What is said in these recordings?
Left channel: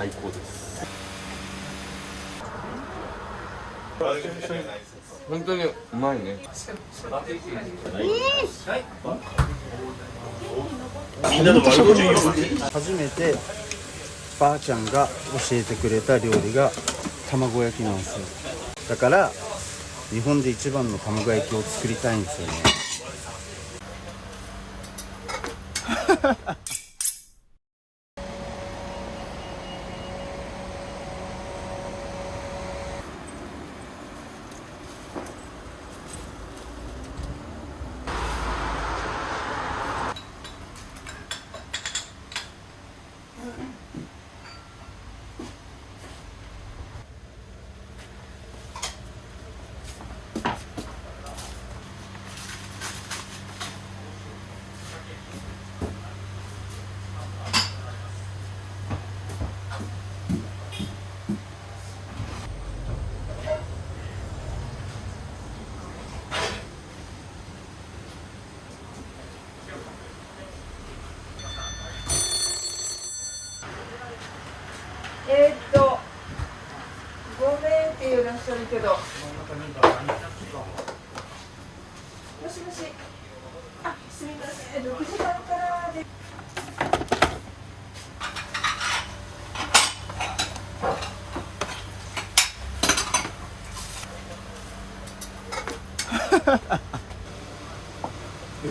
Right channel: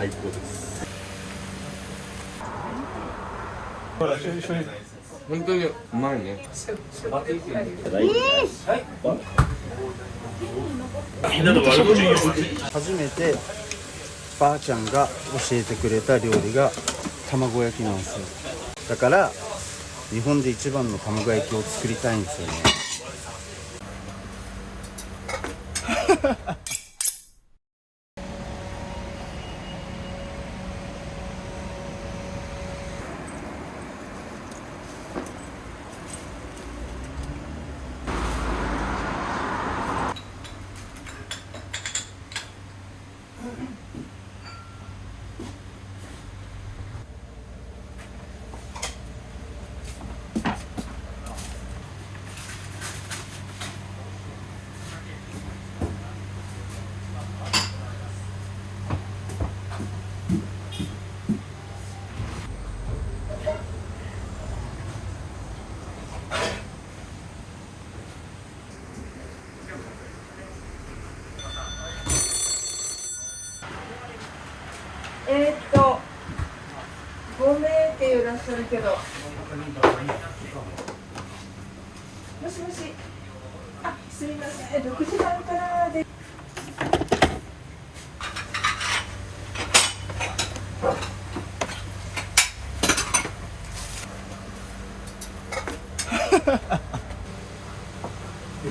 最高です。本当にうまいね。初めてばあちゃんが教えてくれた料理が卵焼きなんですよ。だから日本で一番の卵焼きを作りたいんですよね。5名っていらっしゃるけど。もしもし。あ、すみません。6時半からで。い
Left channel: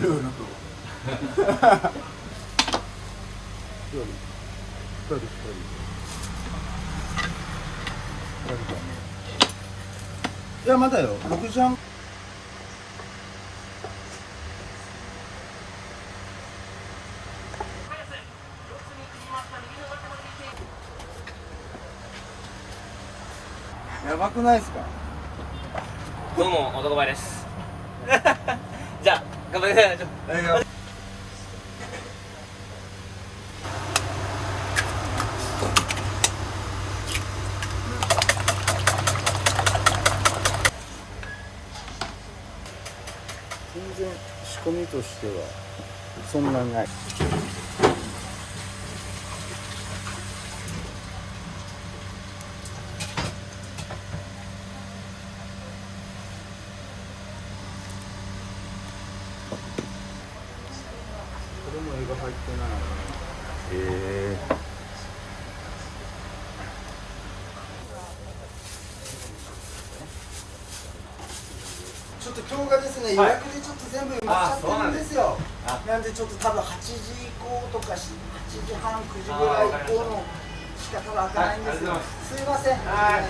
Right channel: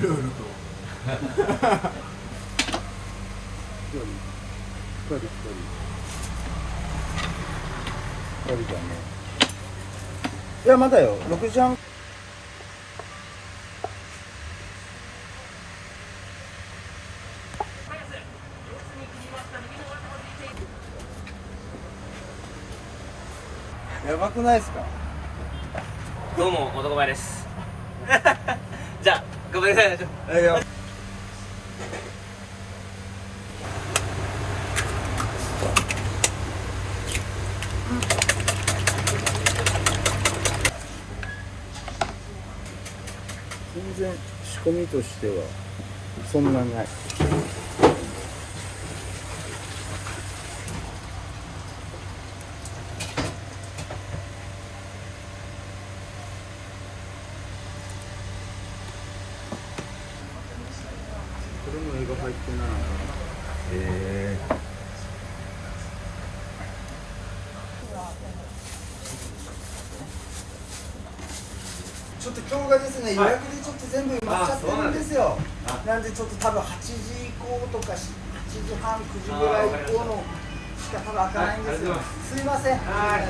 ろいろと。いやまだよ、6時半。やばくないですか？どうも男前ですじゃあ頑張ってください。全然仕込みとしてはそんなない。これも絵が入ってないな。ちょっと今日がですね、予約でちょっと全部埋まっちゃってるんですよ。なんでちょっと多分8時以降とか8時半9時ぐらい以降のしか多分開かないんですよ。すいません。はい。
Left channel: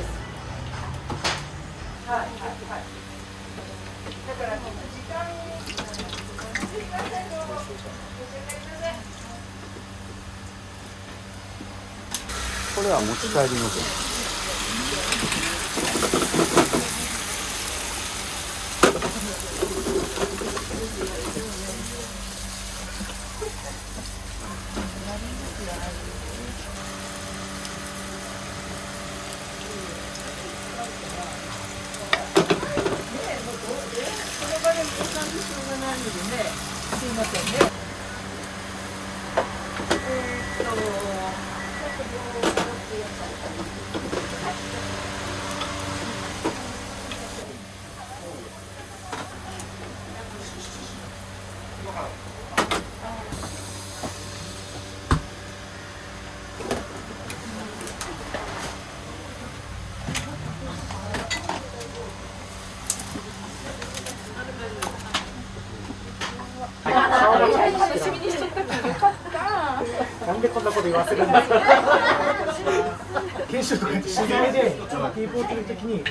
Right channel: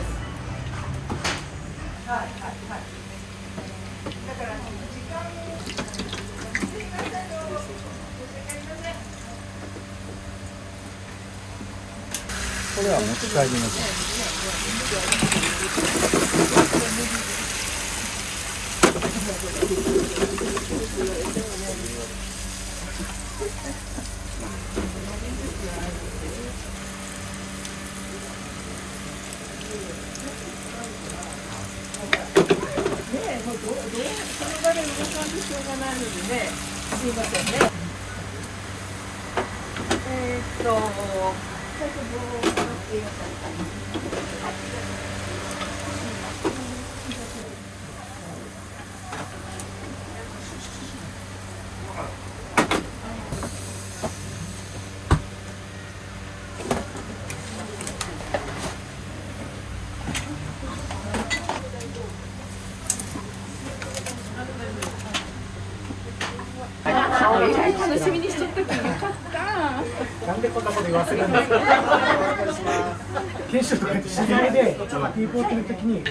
これは持ち帰りのと。楽しみにしとったからよかった。なんでこんなこと言わせるんですか。研修とかって知り合いで、ピーポーってる時に。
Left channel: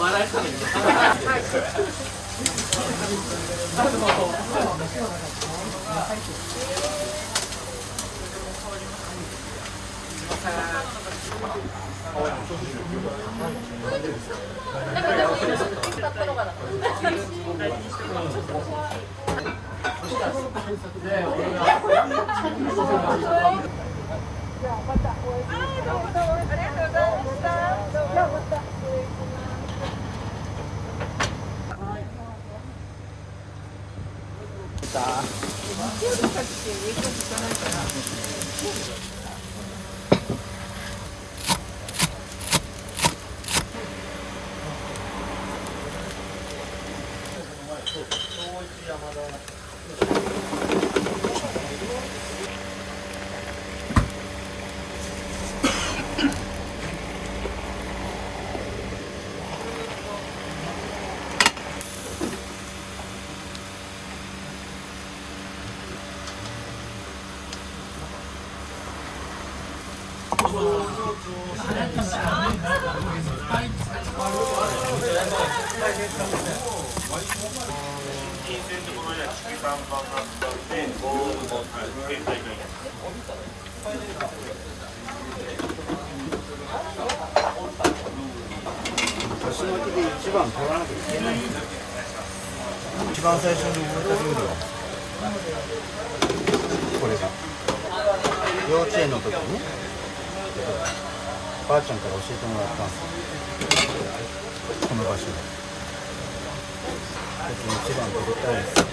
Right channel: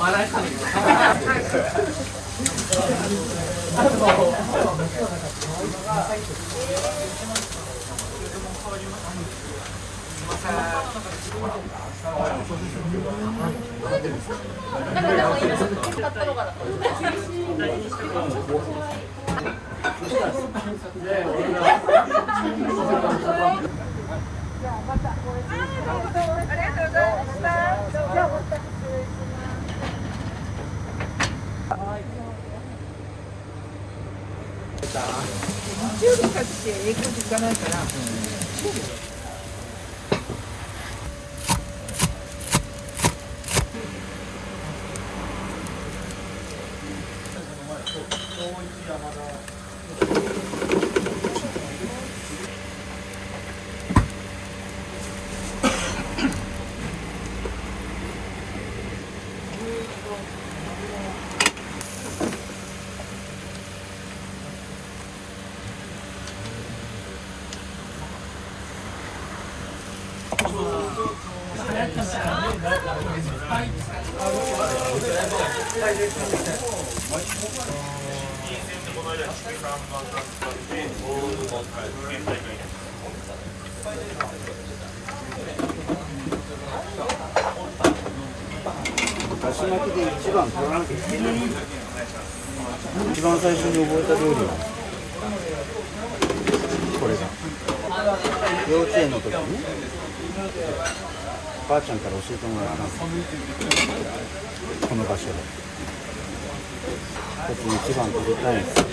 笑いそうにだし巻きで一番取らなきゃいけない。一番最初に覚えた料理がこれが幼稚園の時にばあちゃんから教えてもらったんです。この場所でこっちに一番取りたいんですよ。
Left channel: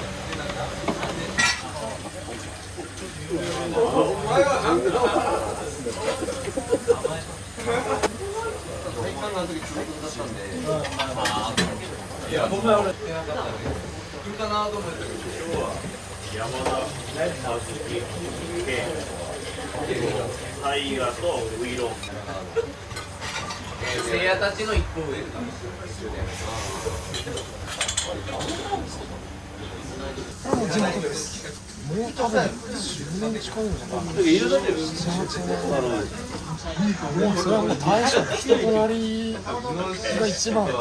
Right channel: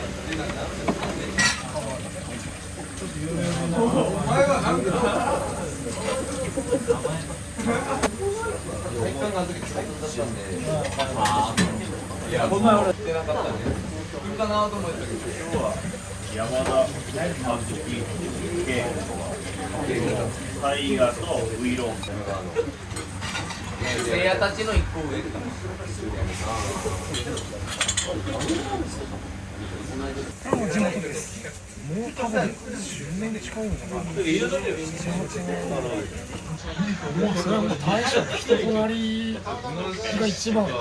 山田和樹系大河とウイロンせいやたちの一個上これも地元です。もう多分10年近いんじゃないかな。7、8年もうそれはもう大将の人となりが一番め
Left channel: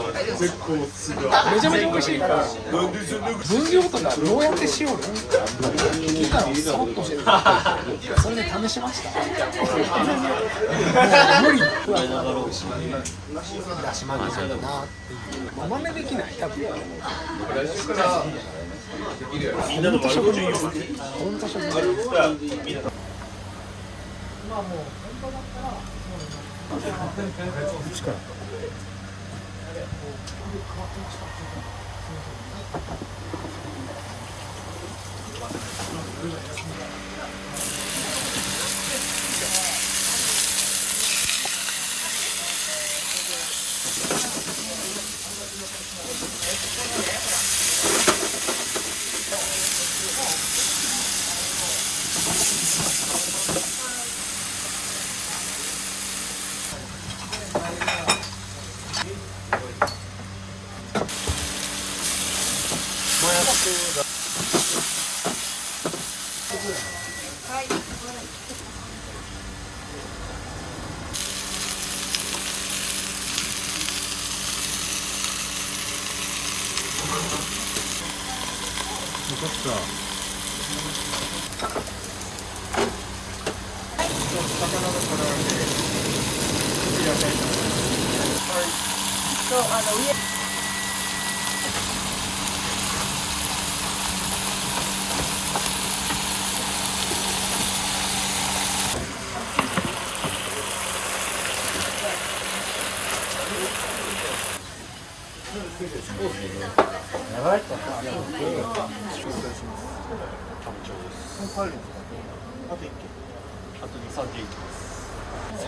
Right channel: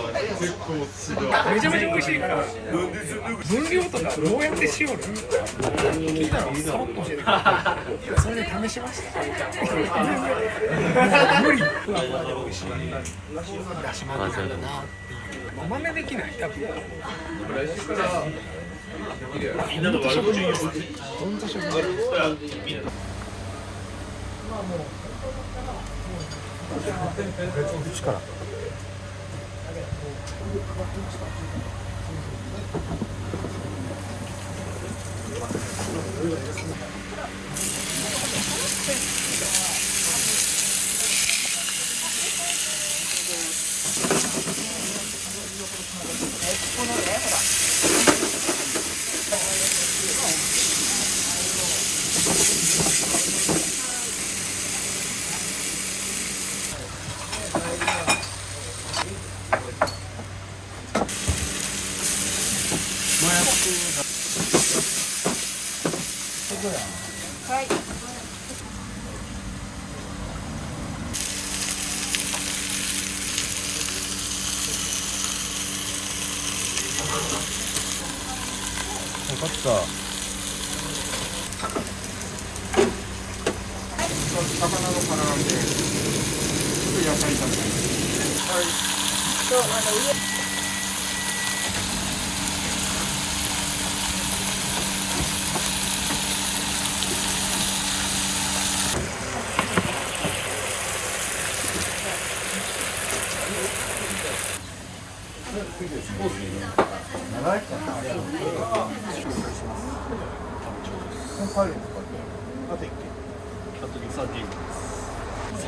ちゃめちゃ美味しいから分量とかどうやってしようの聞いたらさらっと教えてくれてそれで試しました無理ふわふわで美味しいだし巻きなんだなっていうお豆できない多分本当食人です本当食人です力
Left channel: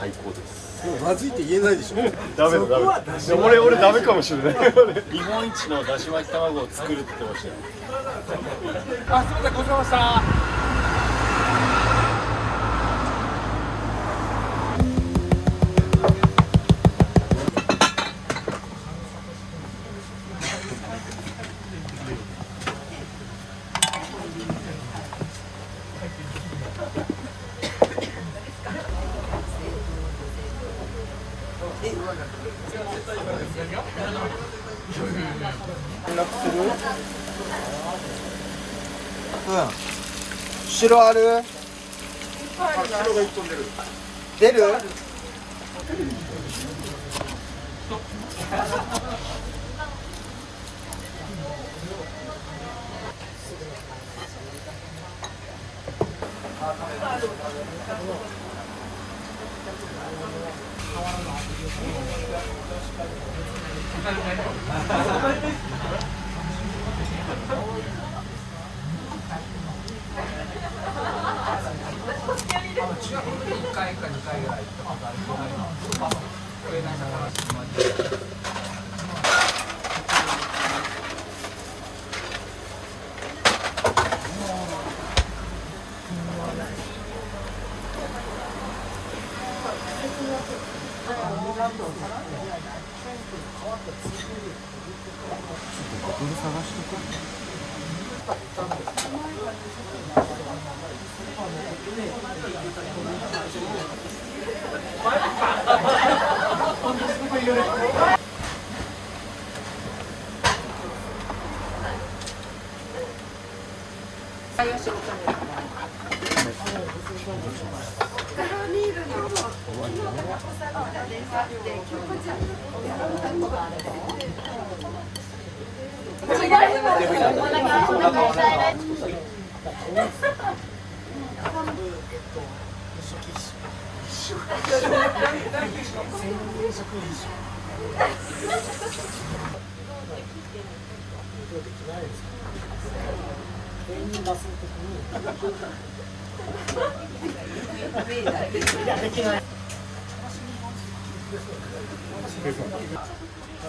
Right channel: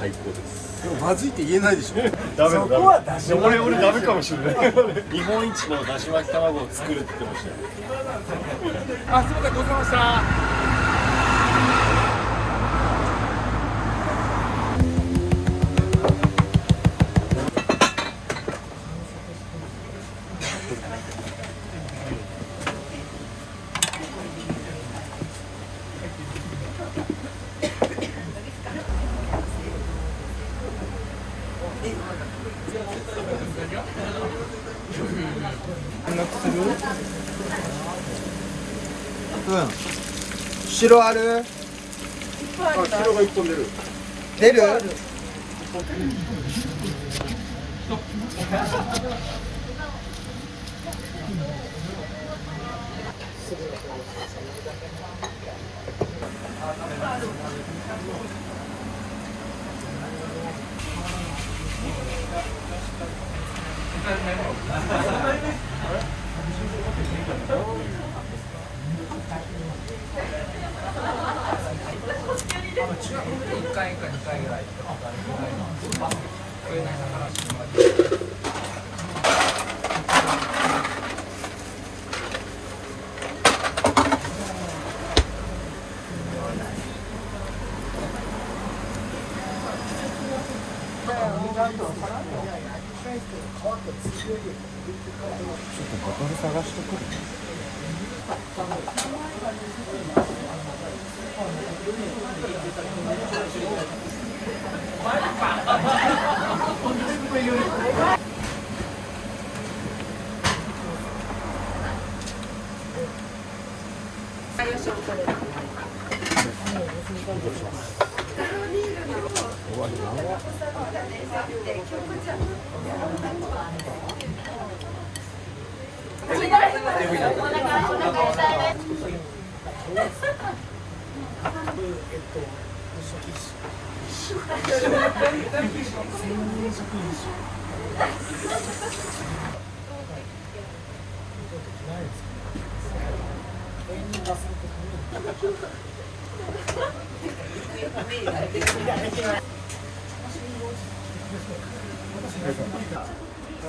最高です。まずいって言えないでしょ。ダメだ俺ダメかもしれない日本一のだし巻き卵を作るって言ってましたよあ、すみません、ごちそうさまでした。白ある？白が一本出る。出る？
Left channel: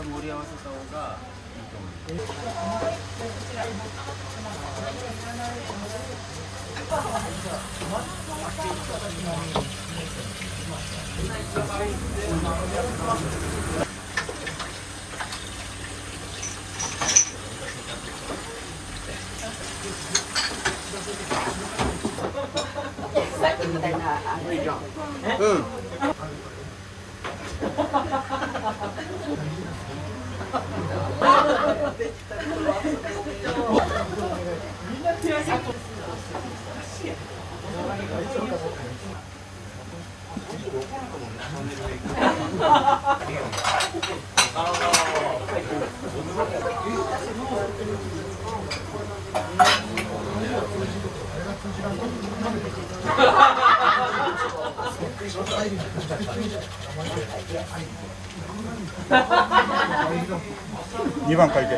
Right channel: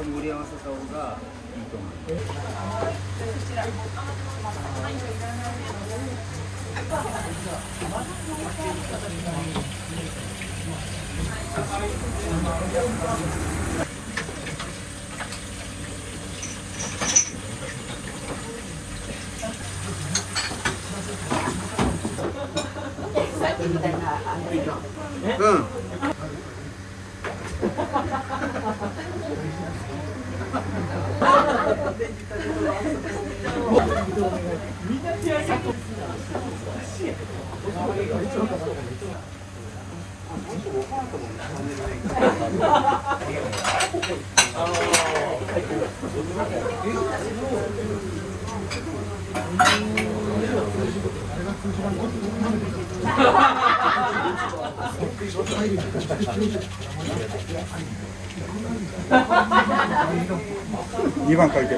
盛り合わせた方がいいと思う。うん。2番書いて。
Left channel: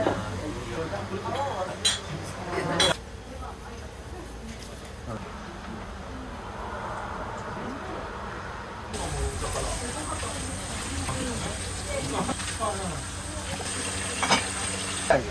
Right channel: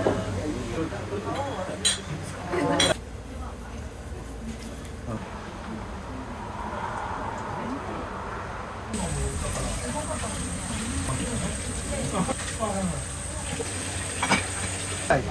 はい。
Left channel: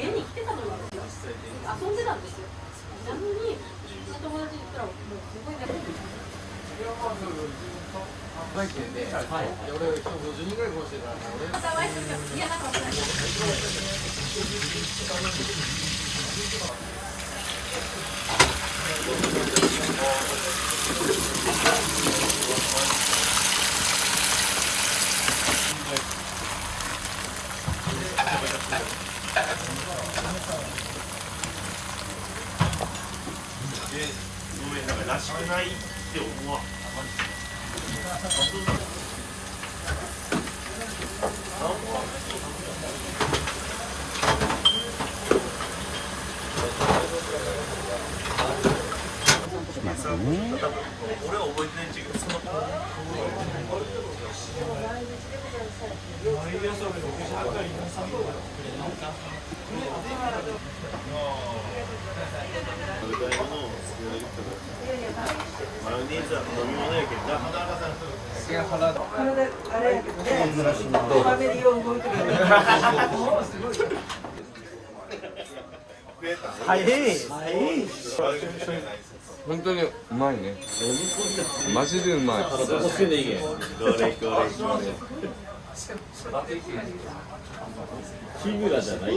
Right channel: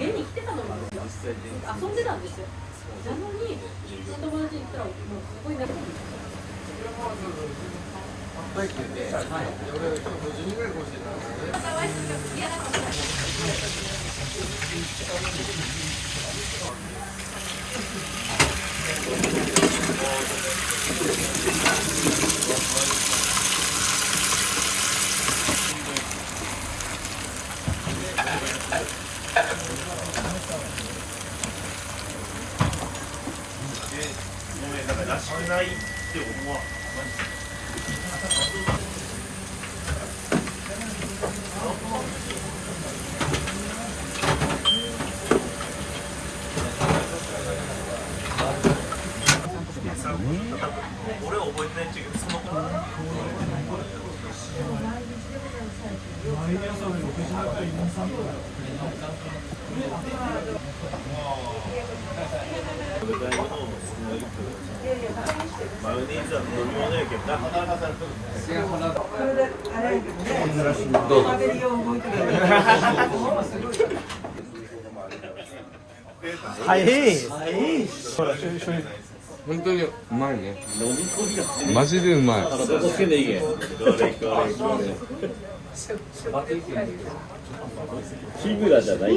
絵に来てたのに遊んでたんですよ。なのに友達に言ったらもうすごいね。らしくないって思わん。ですよね。俺は覚えてないけど、そのマヨネーズは飲み物やけんな。本当にうまいね。マジでうまい。日村じゃない。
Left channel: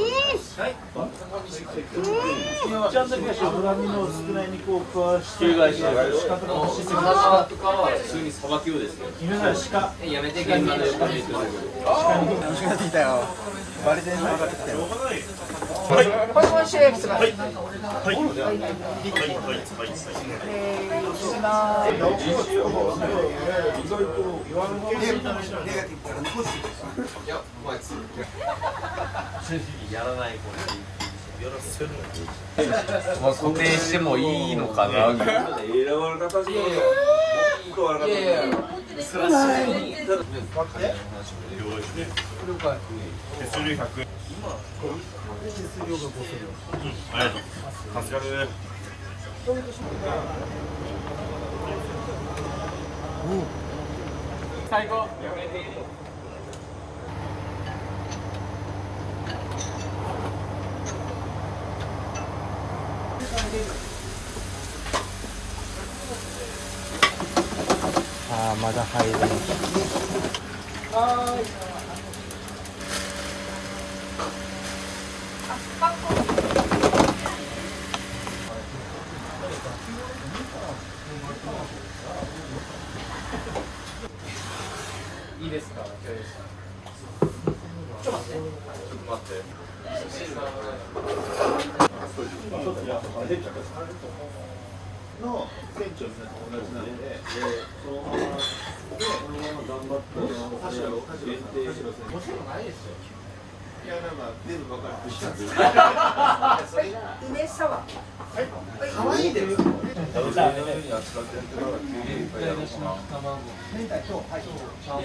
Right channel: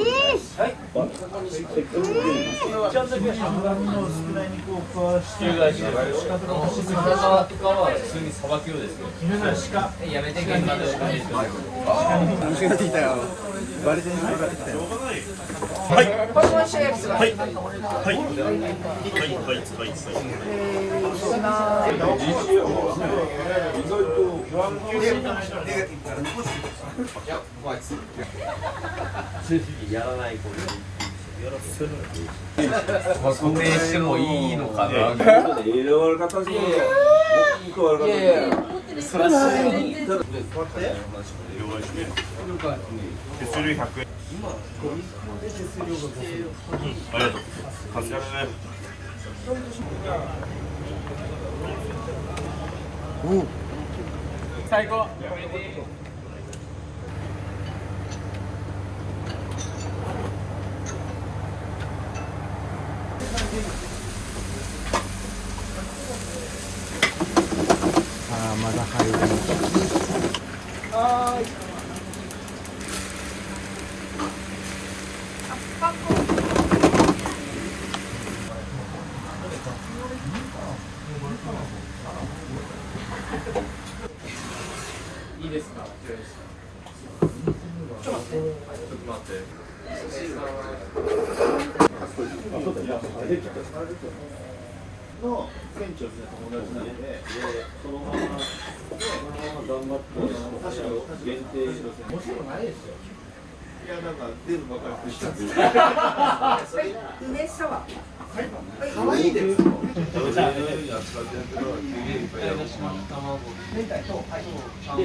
やめて現場で虫がついたよ。バリテンションがついたよ。はい。はい。はい。はい。はい。固定してもいいのかな。手数料100円。ありがとう。助かるね。最高。ああ、まだ入る。いいですか。ちょっと待って。の店長と友達なので、そのまま頑張って限定しろ。もちろんないですよ。いや、なんか全部分かるとしたんです。梅サワー。可愛いです。はい。